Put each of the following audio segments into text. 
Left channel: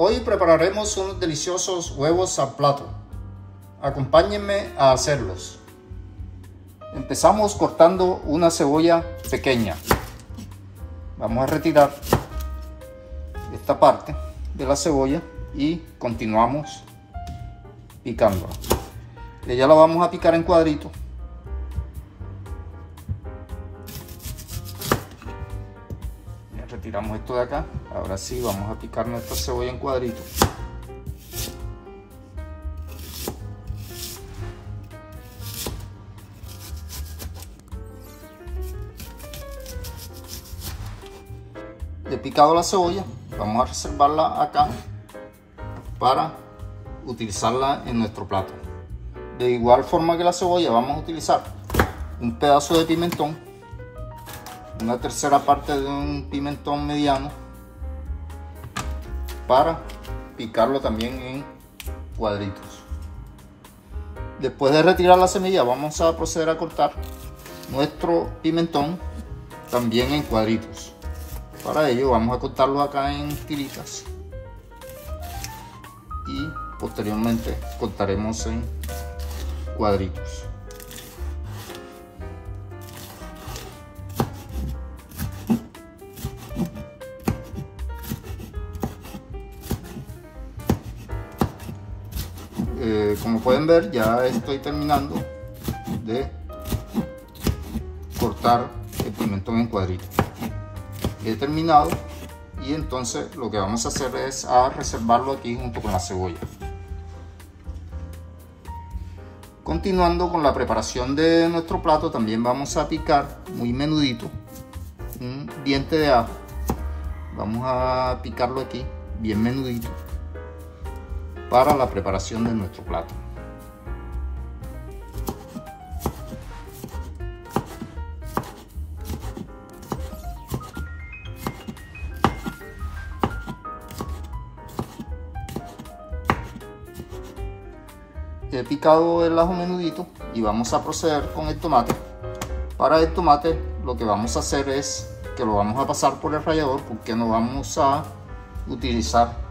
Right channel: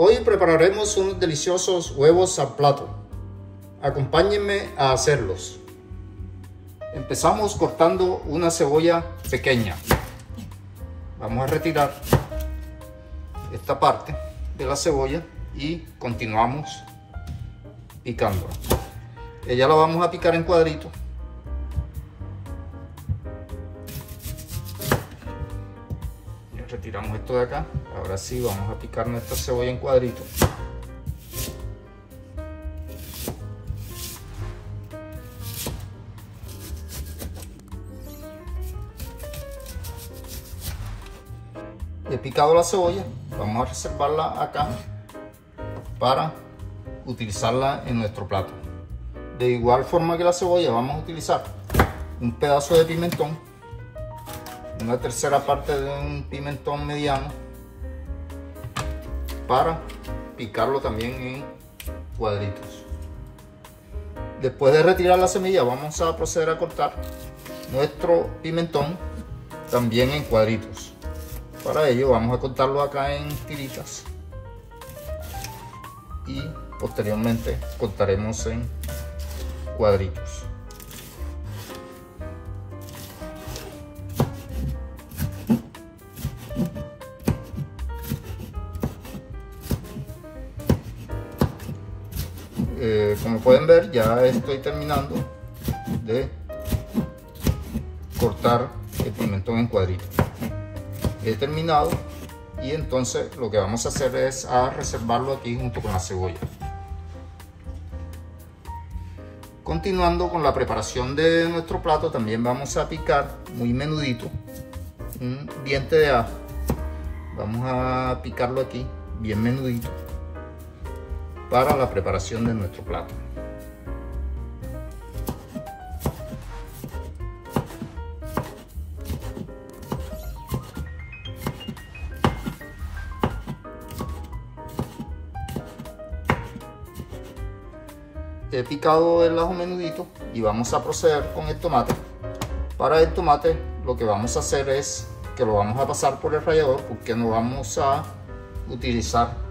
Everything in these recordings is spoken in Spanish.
Hoy prepararemos unos deliciosos huevos al plato. Acompáñenme a hacerlos. Empezamos cortando una cebolla pequeña. Vamos a retirar esta parte de la cebolla y continuamos picándola. Ella la vamos a picar en cuadritos. Ya retiramos esto de acá. Ahora sí vamos a picar nuestra cebolla en cuadritos. He picado la cebolla, vamos a reservarla acá para utilizarla en nuestro plato. De igual forma que la cebolla, vamos a utilizar un pedazo de pimentón, una tercera parte de un pimentón mediano, para picarlo también en cuadritos. Después de retirar la semilla, vamos a proceder a cortar nuestro pimentón también en cuadritos. Para ello vamos a cortarlo acá en tiritas y posteriormente cortaremos en cuadritos. Como pueden ver, ya estoy terminando de cortar el pimentón en cuadritos. He terminado y entonces lo que vamos a hacer es a reservarlo aquí junto con la cebolla. Continuando con la preparación de nuestro plato, también vamos a picar muy menudito un diente de ajo. Vamos a picarlo aquí bien menudito para la preparación de nuestro plato. He picado el ajo menudito y vamos a proceder con el tomate. Para el tomate lo que vamos a hacer es que lo vamos a pasar por el rallador, porque no vamos a utilizar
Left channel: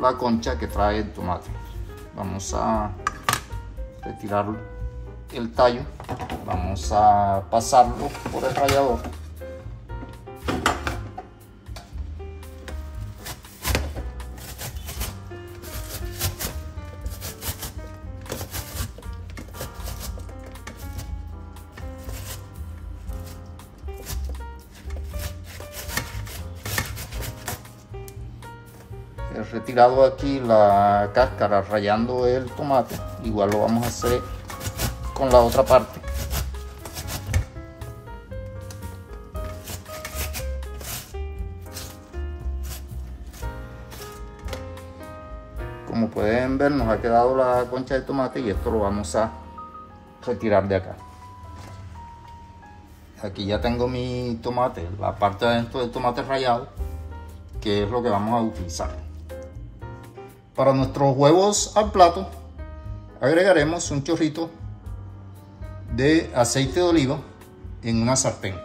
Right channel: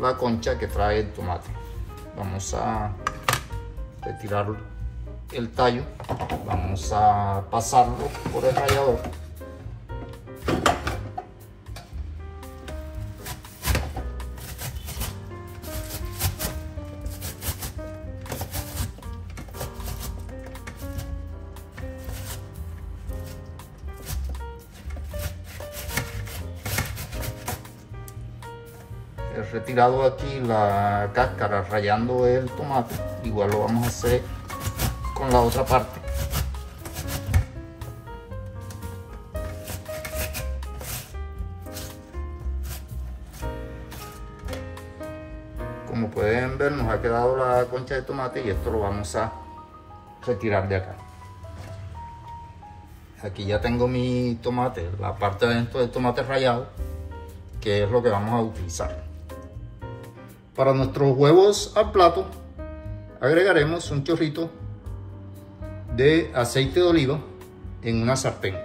la concha que trae el tomate. Vamos a retirar el tallo, vamos a pasarlo por el rallador. He retirado aquí la cáscara rallando el tomate. Igual lo vamos a hacer con la otra parte. Como pueden ver, nos ha quedado la concha de tomate y esto lo vamos a retirar de acá. Aquí ya tengo mi tomate, la parte de adentro del tomate rallado, que es lo que vamos a utilizar. Para nuestros huevos al plato agregaremos un chorrito de aceite de oliva en una sartén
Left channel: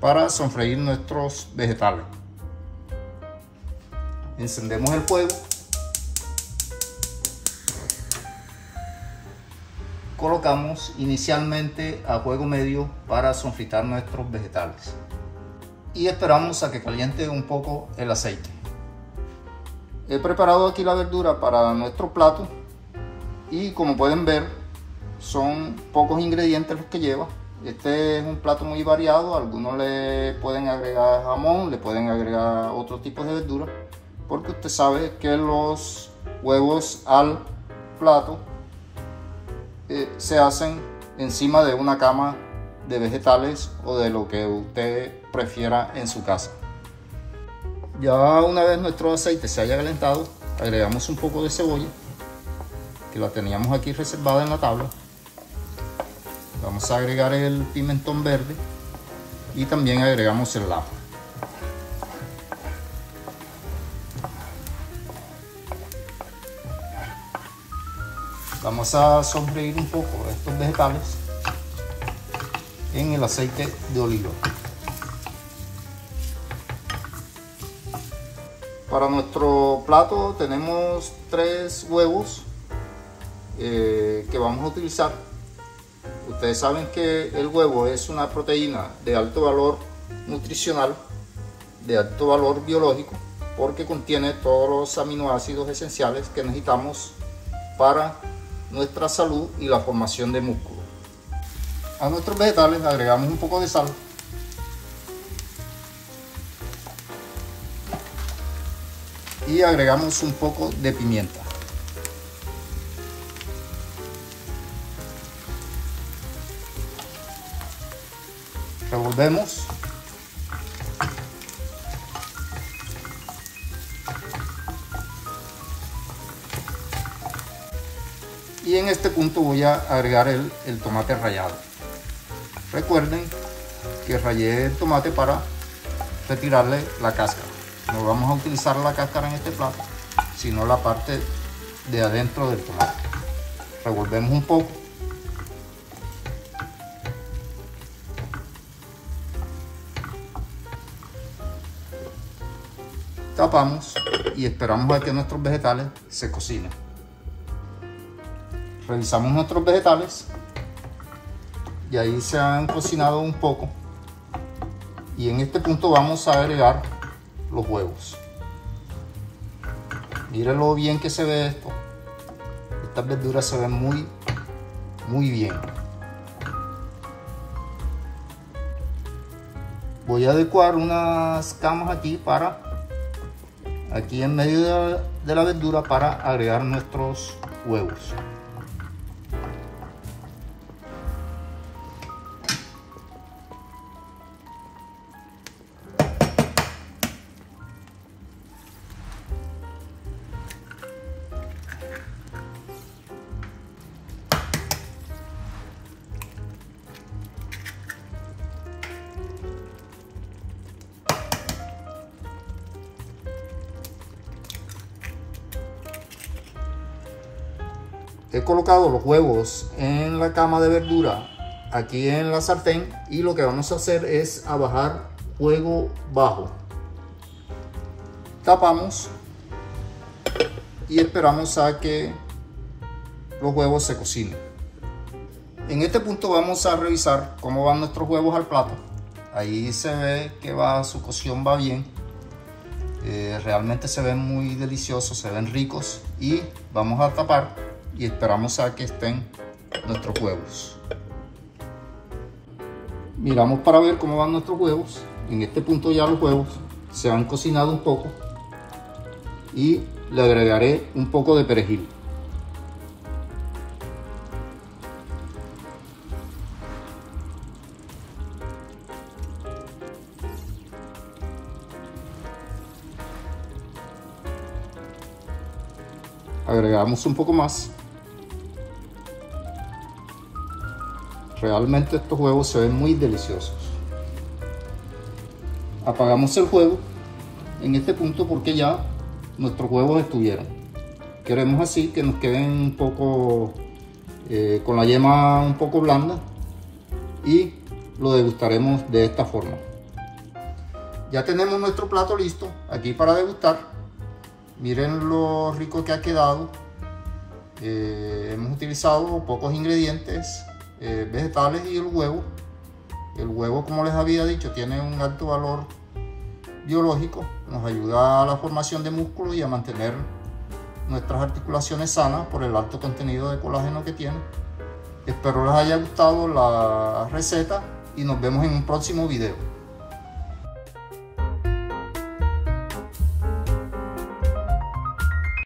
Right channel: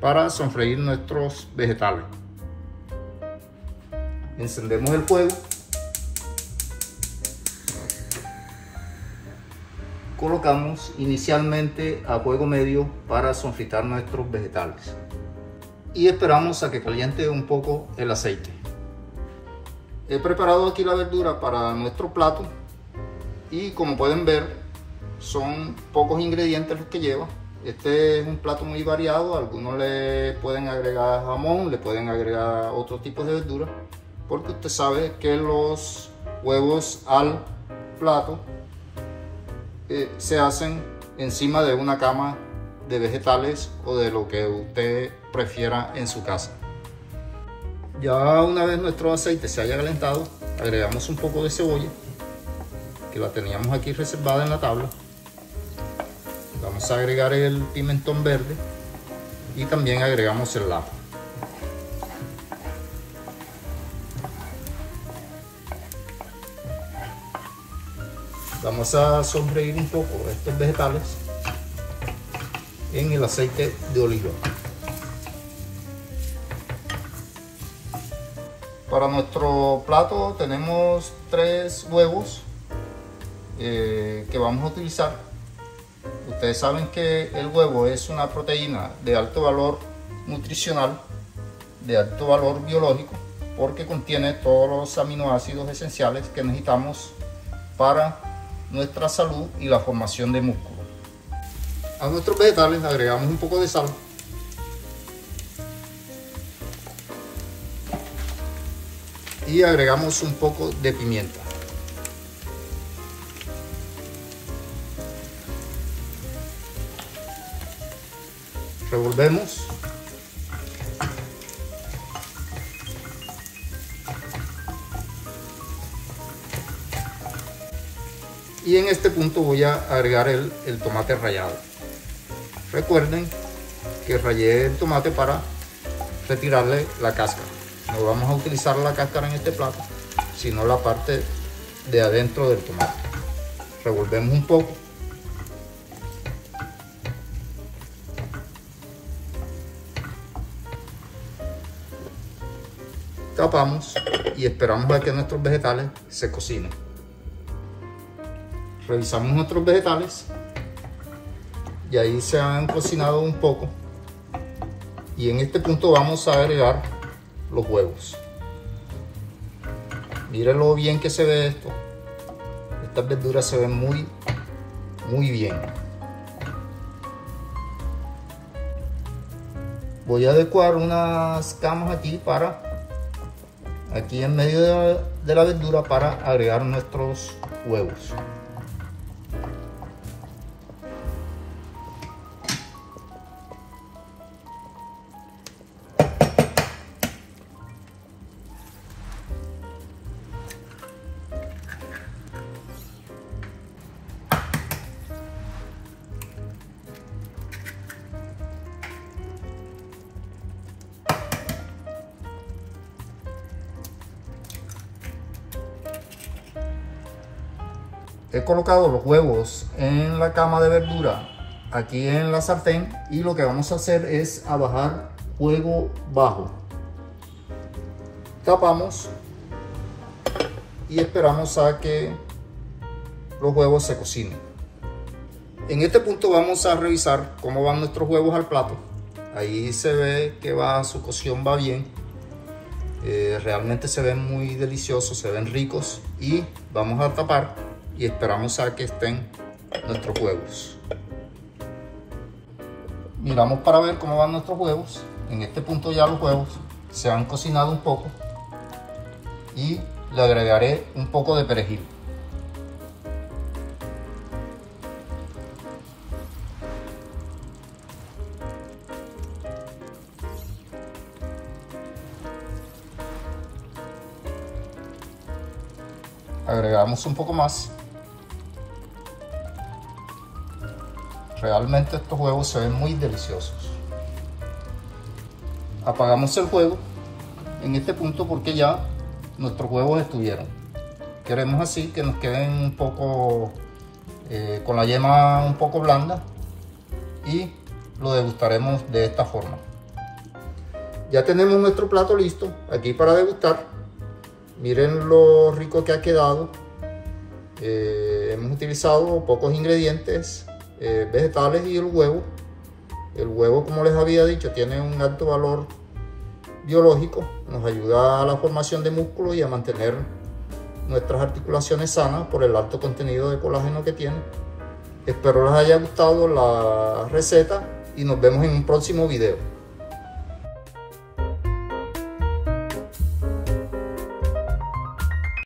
para sofreír nuestros vegetales. Encendemos el fuego, colocamos inicialmente a fuego medio para sofritar nuestros vegetales y esperamos a que caliente un poco el aceite. He preparado aquí la verdura para nuestro plato y como pueden ver son pocos ingredientes los que lleva. Este es un plato muy variado, algunos le pueden agregar jamón, le pueden agregar otros tipos de verduras, porque usted sabe que los huevos al plato se hacen encima de una cama de vegetales o de lo que usted prefiera en su casa. Ya una vez nuestro aceite se haya calentado, agregamos un poco de cebolla, que la teníamos aquí reservada en la tabla. Vamos a agregar el pimentón verde y también agregamos el ajo. Vamos a sofreír un poco estos vegetales en el aceite de oliva. Para nuestro plato tenemos 3 huevos que vamos a utilizar. Ustedes saben que el huevo es una proteína de alto valor nutricional, de alto valor biológico, porque contiene todos los aminoácidos esenciales que necesitamos para nuestra salud y la formación de músculo. A nuestros vegetales agregamos un poco de sal, y agregamos un poco de pimienta. Revolvemos. Y en este punto voy a agregar el tomate rallado. Recuerden que rallé el tomate para retirarle la cáscara. No vamos a utilizar la cáscara en este plato, sino la parte de adentro del tomate. Revolvemos un poco. Tapamos y esperamos a que nuestros vegetales se cocinen. Revisamos nuestros vegetales y ahí se han cocinado un poco, y en este punto vamos a agregar los huevos. Miren lo bien que se ve esto. Estas verduras se ven muy bien. Voy a adecuar unas camas aquí en medio de la verdura para agregar nuestros huevos. He colocado los huevos en la cama de verdura aquí en la sartén, y lo que vamos a hacer es a bajar fuego bajo. Tapamos y esperamos a que los huevos se cocinen. En este punto vamos a revisar cómo van nuestros huevos al plato. Ahí se ve que su cocción va bien. Realmente se ven muy deliciosos, se ven ricos, y vamos a tapar y esperamos a que estén nuestros huevos. Miramos para ver cómo van nuestros huevos. En este punto ya los huevos se han cocinado un poco, y le agregaré un poco de perejil. Agregamos un poco más. Realmente estos huevos se ven muy deliciosos. Apagamos el fuego en este punto porque ya nuestros huevos estuvieron. Queremos así que nos queden un poco con la yema un poco blanda, y lo degustaremos de esta forma. Ya tenemos nuestro plato listo aquí para degustar. Miren lo rico que ha quedado. Hemos utilizado pocos ingredientes vegetales y el huevo. El huevo, como les había dicho, tiene un alto valor biológico. Nos ayuda a la formación de músculo y a mantener nuestras articulaciones sanas por el alto contenido de colágeno que tiene. Espero les haya gustado la receta y nos vemos en un próximo video.